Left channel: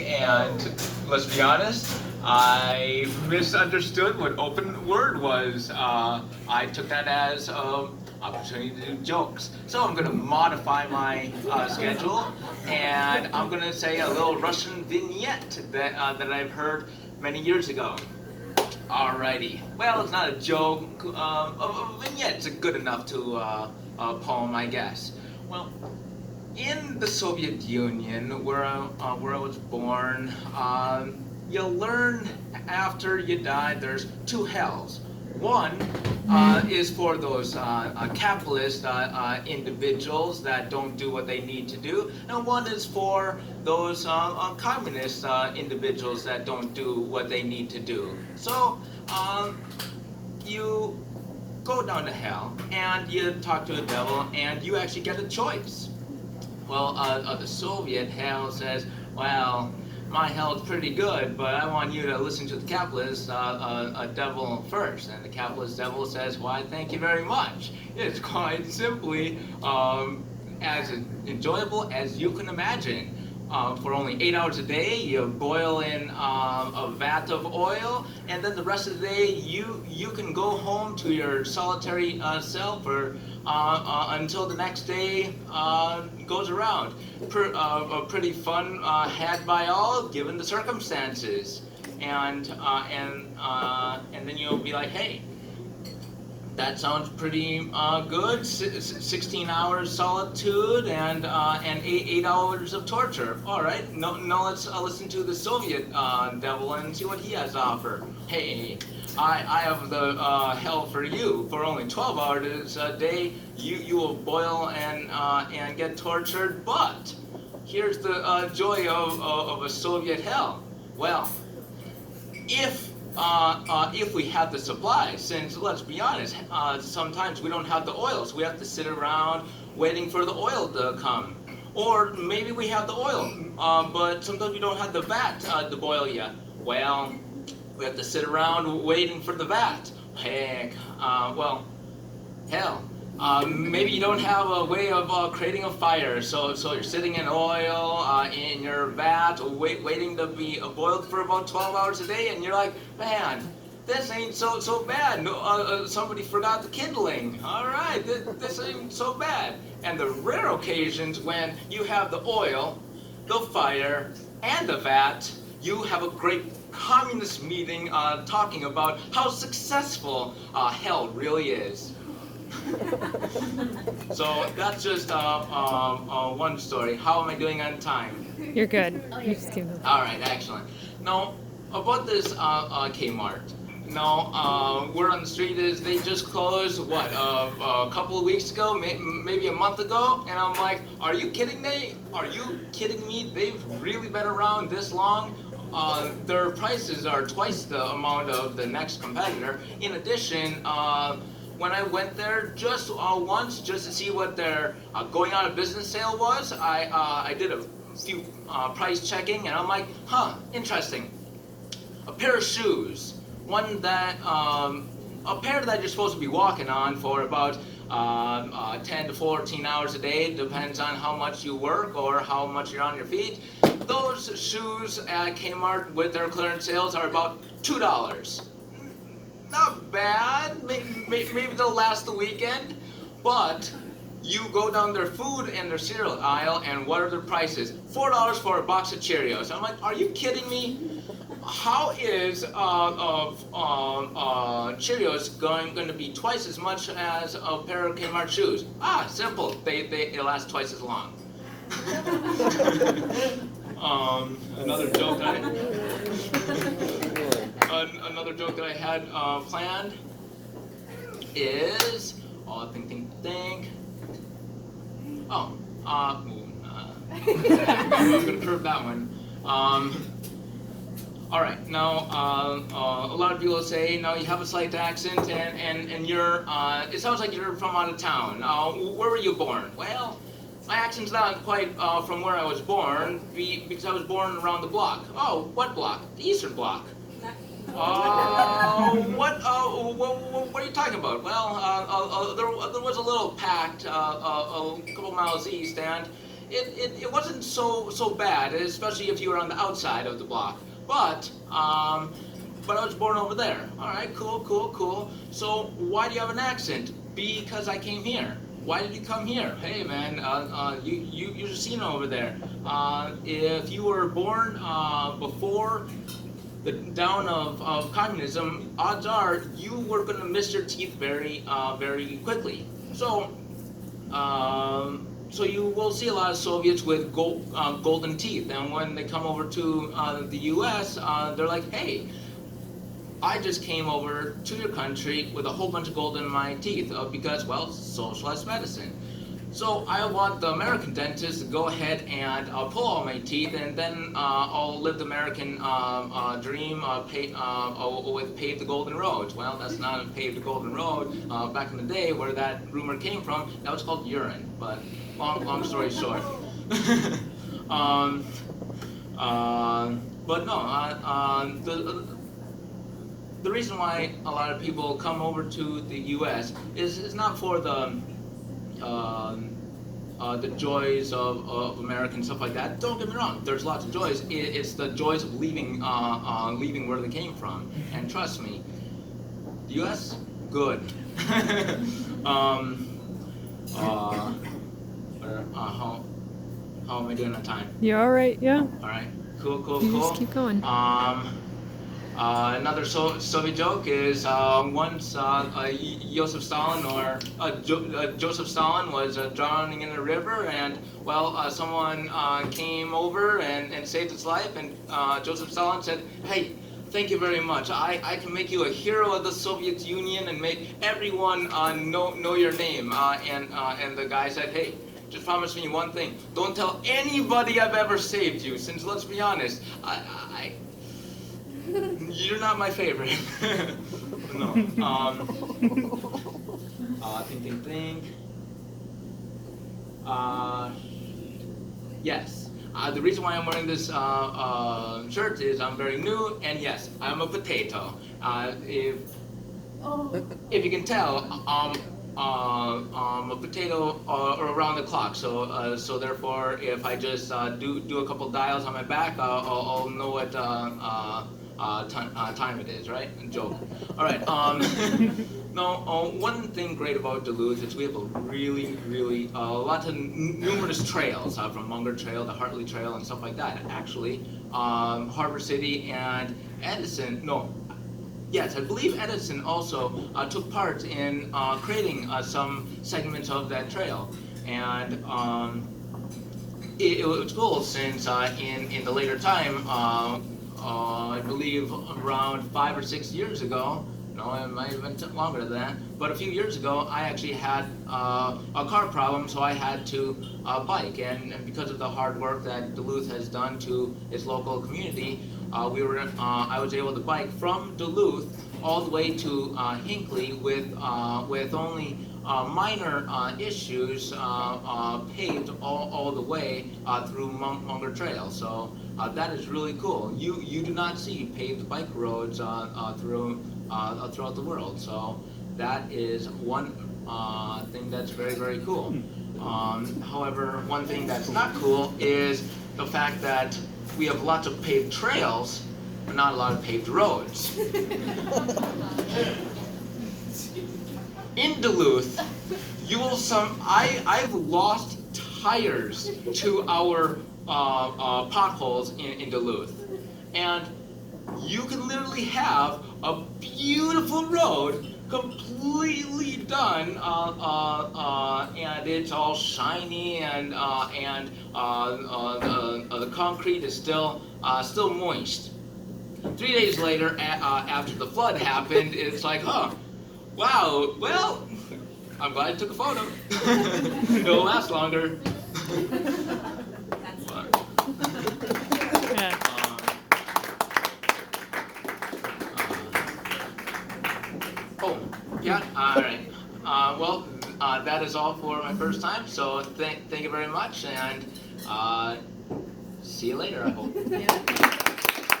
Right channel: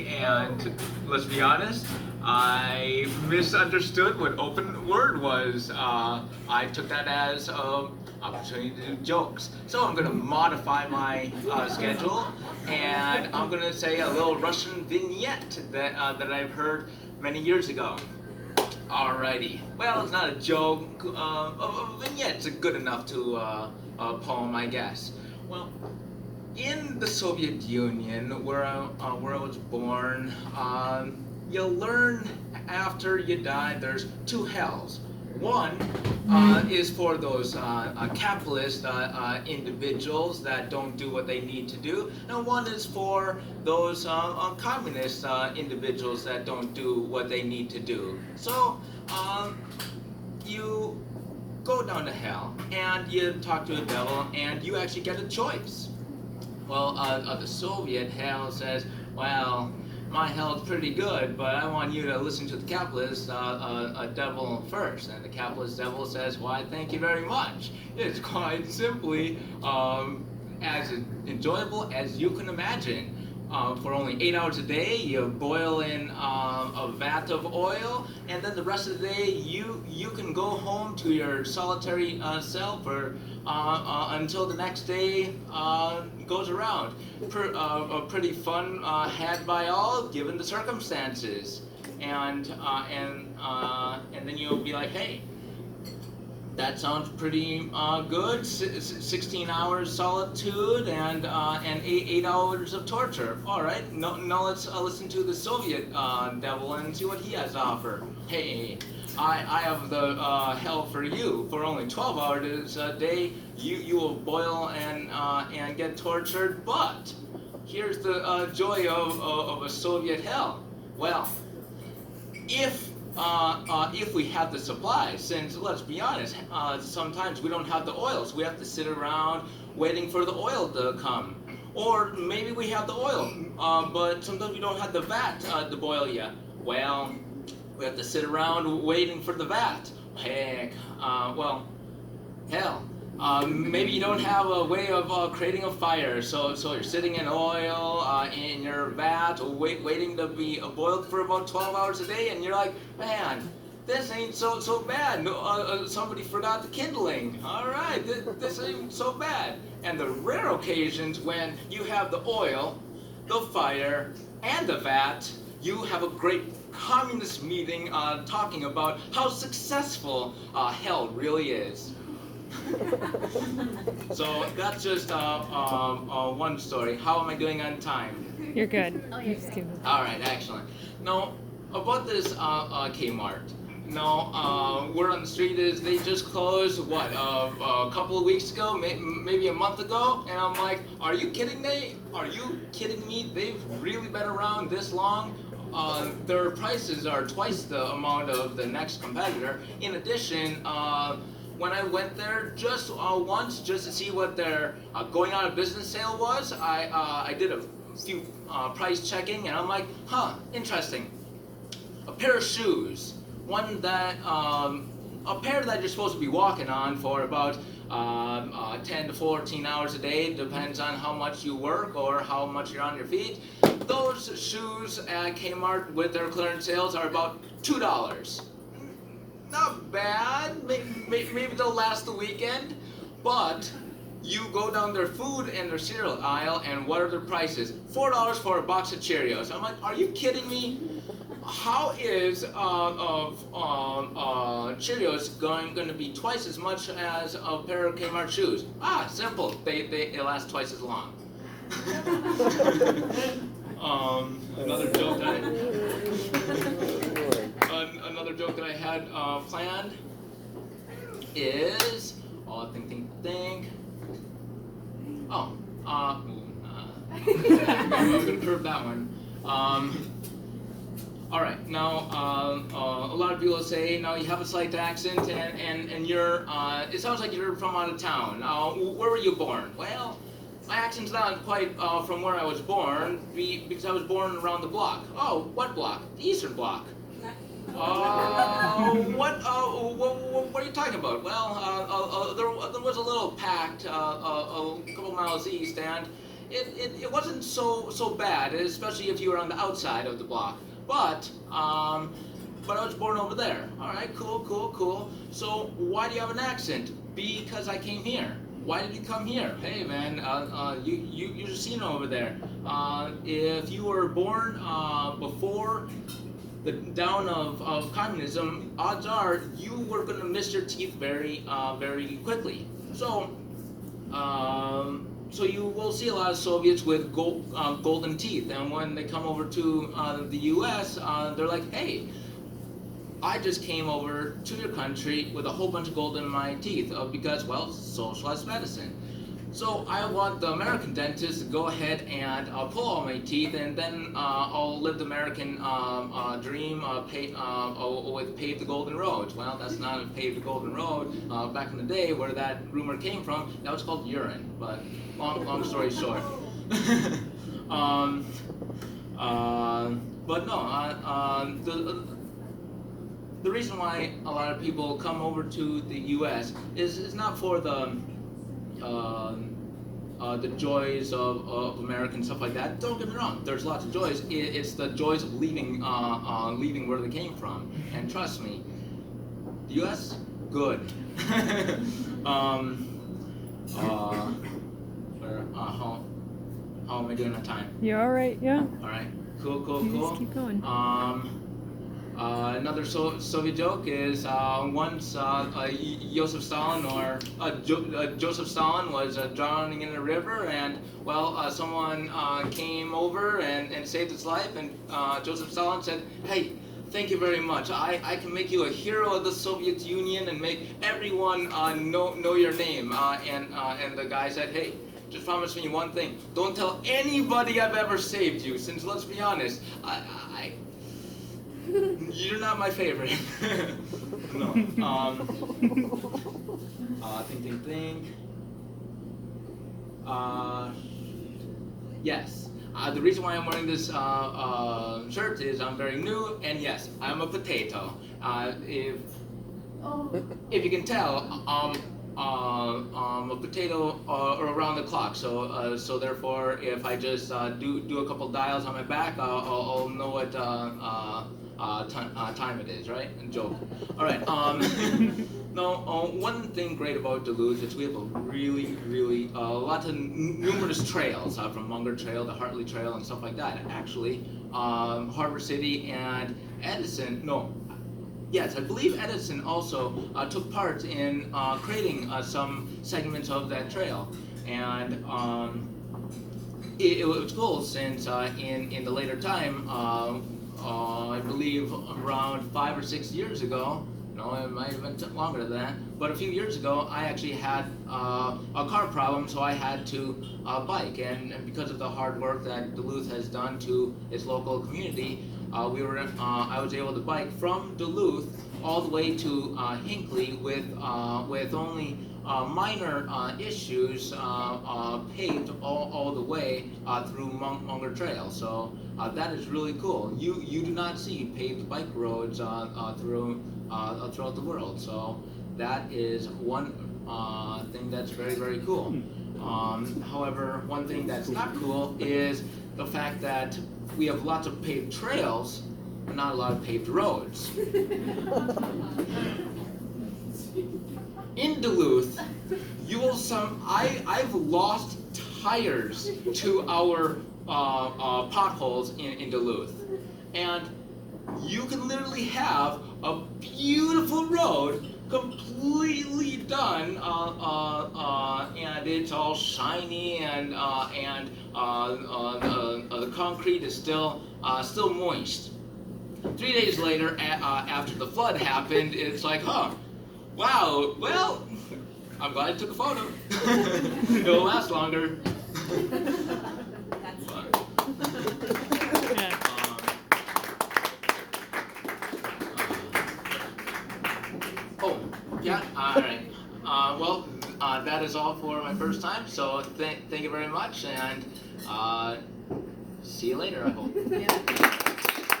and let's be honest, I misunderstood what open word was. I took that as opportunity to do jokes. So I'm gonna modify my schedule, and I'm gonna say a little Russian vignette that I've heard many years ago. Alrighty. Well, it's not a joke. A vignette's good enough to a poem, I guess. Well, in the Soviet Union, where I was born, you learn after you die there's two hells. One is for those capitalist individuals that don't do what they need to do, and one is for those communist individuals that don't do what they need to do. So you go down to hell, and you talk to the devil, and you actually get a choice. Well, the Soviet hell says, well, my hell's pretty good, but I want you to listen to the capitalist devil first. And the capitalist devil says, why, thank you very much. It's quite simply as enjoyable as you can imagine. For only 8 hours a day, you boil in a vat of oil, and then the rest of the day, you can go home to your solitary self for until the next day goes around. A pretty fun had by all, given the circumstances, and then you'll be like, hey, that sounds pretty good. 16 hours solitude and 8 hours of torture. All right, no, let's listen to the Soviet devil and see what he has to offer. Hey, I have the hell for you. For only 12 hours a day, you will boil and get tortured. But here's the joy of a Soviet hell. Well, if we have the supplies, since let's be honest, sometimes we don't have the oil, so we have to sit around waiting for the oil to come. Or maybe we have the oil, but sometimes we don't have the vat to boil yet. Well, we have to sit around waiting for the vat. Heck, well, hell. Maybe you don't have a way of creating a fire, so you're sitting in oil in your vat, waiting to be boiled for about 12 hours a day, and you're like, man, this ain't so bad. No, somebody forgot the kindling. All right, this ain't so bad. And the rare occasions when you have the oil, the fire, and the vat, you have a great communist meeting talking about how successful hell really is. So that's just one story. How am I doing on time? You're good. You just keep moving. All right, excellent. Now, about this Kmart. No, word on the street is they just closed, what, a couple of weeks ago, maybe a month ago? And I'm like, are you kidding me? Are you kidding me? They've really been around this long? Their prices are twice the amount of the next competitor. In addition, when I went there just once, just to see what their going out of business sale was, I did a few price checking, and I'm like, huh, interesting. A pair of shoes, one that, a pair that you're supposed to be walking on for about 10 to 14 hours a day, depends on how much you work or how much you're on your feet. Those shoes at Kmart with their clearance sales are about $2. Not bad, maybe they'll last the weekend, but you go down their food and their cereal aisle, and what are their prices? $4 for a box of Cheerios. I'm like, are you kidding me? How is Cheerios going to be twice as much as a pair of Kmart shoes? Ah, simple. They last twice as long. Another joke that I had planned is, think. Oh, I'm gonna curve that one. All right, now a lot of people say, now you have a slight accent, and you're, it sounds like you're from out of town. Where were you born? Well, my accent's not quite from where I was born, because I was born around the block. Oh, what block? The Eastern Block. What are you talking about? Well, there was a little pact a couple miles east, and it wasn't so bad, especially if you were on the outside of the block. But I was born over there. All right, cool. So why do you have an accent? Because I came here. Why did you come here? Hey man, you're a Sino over there. If you were born before the down of communism, odds are you were going to miss your teeth very quickly. So you will see a lot of Soviets with golden teeth, and when they come over to the U.S., they're like, hey, I just came over to your country with a whole bunch of gold in my teeth because, well, socialist medicine. So I want the American dentist to go ahead and pull all my teeth, and then I'll live the American dream with pave the golden roads. Well, that's not a pave the golden road. Back in the day, where that rumor came from, that was called urine. But long story short. But no, the reason why a lot of people come over to the U.S. is not for the joys of America and stuff like that. Don't get me wrong. There's lots of joys. It's the joys of leaving where they came from. And trust me, the U.S. good. How am I doing on time? You're all right, yeah. All right. Cool. Just keep going. Another Soviet joke is once Joseph Stalin Joseph Stalin was drowning in a river, and well, someone came over and saved his life, and Joseph Stalin said, "Hey, thank you very much. I can make you a hero of the Soviet Union and make everyone know your name." And the guy said, "Hey, just promise me one thing. Don't tell anybody I've ever saved you, since let's be honest, you're not my favorite." No. Think. Yes. The reason why I'm wearing this shirt is I'm very new, and yes, I'm a potato. If you can tell, a potato around the clock. So therefore, if I just do a couple dials on my back, I'll know what time it is, right? Joke. All right. No. One thing great about Duluth is we have a really lots of numerous trails, from Munger Trail to Hartley Trail and stuff like that. Actually, Harbor City and Edison. No. Yes, I believe Edison also took part in creating some segments of that trail, and it was cool since in the later time, I believe around 5 or 6 years ago. No, it might have been longer than that. But a few years ago, I actually had a car problem, so I had to bike. And because of the hard work that Duluth has done to its local community, I was able to bike from Duluth all the way to Hinckley with only minor issues paved all the way through Munger Trail. So that is really cool. You do not see paved bike roads throughout the world. So that is one thing that's very cool. However, one thing that's not cool is the fact that we have lots of paved trails, but not a lot of paved roads. In Duluth, you will I've lost tires to our potholes in Duluth, and you can literally have a beautiful road completely done, and it's all shiny, and the concrete is still moist. 3 days later, after the flood happened, it's like, huh, wow, well, I'm glad I took a photo. It'll last longer. Yeah, all right. Well, that is all for my first time, so thank you very much, and see you later, I hope.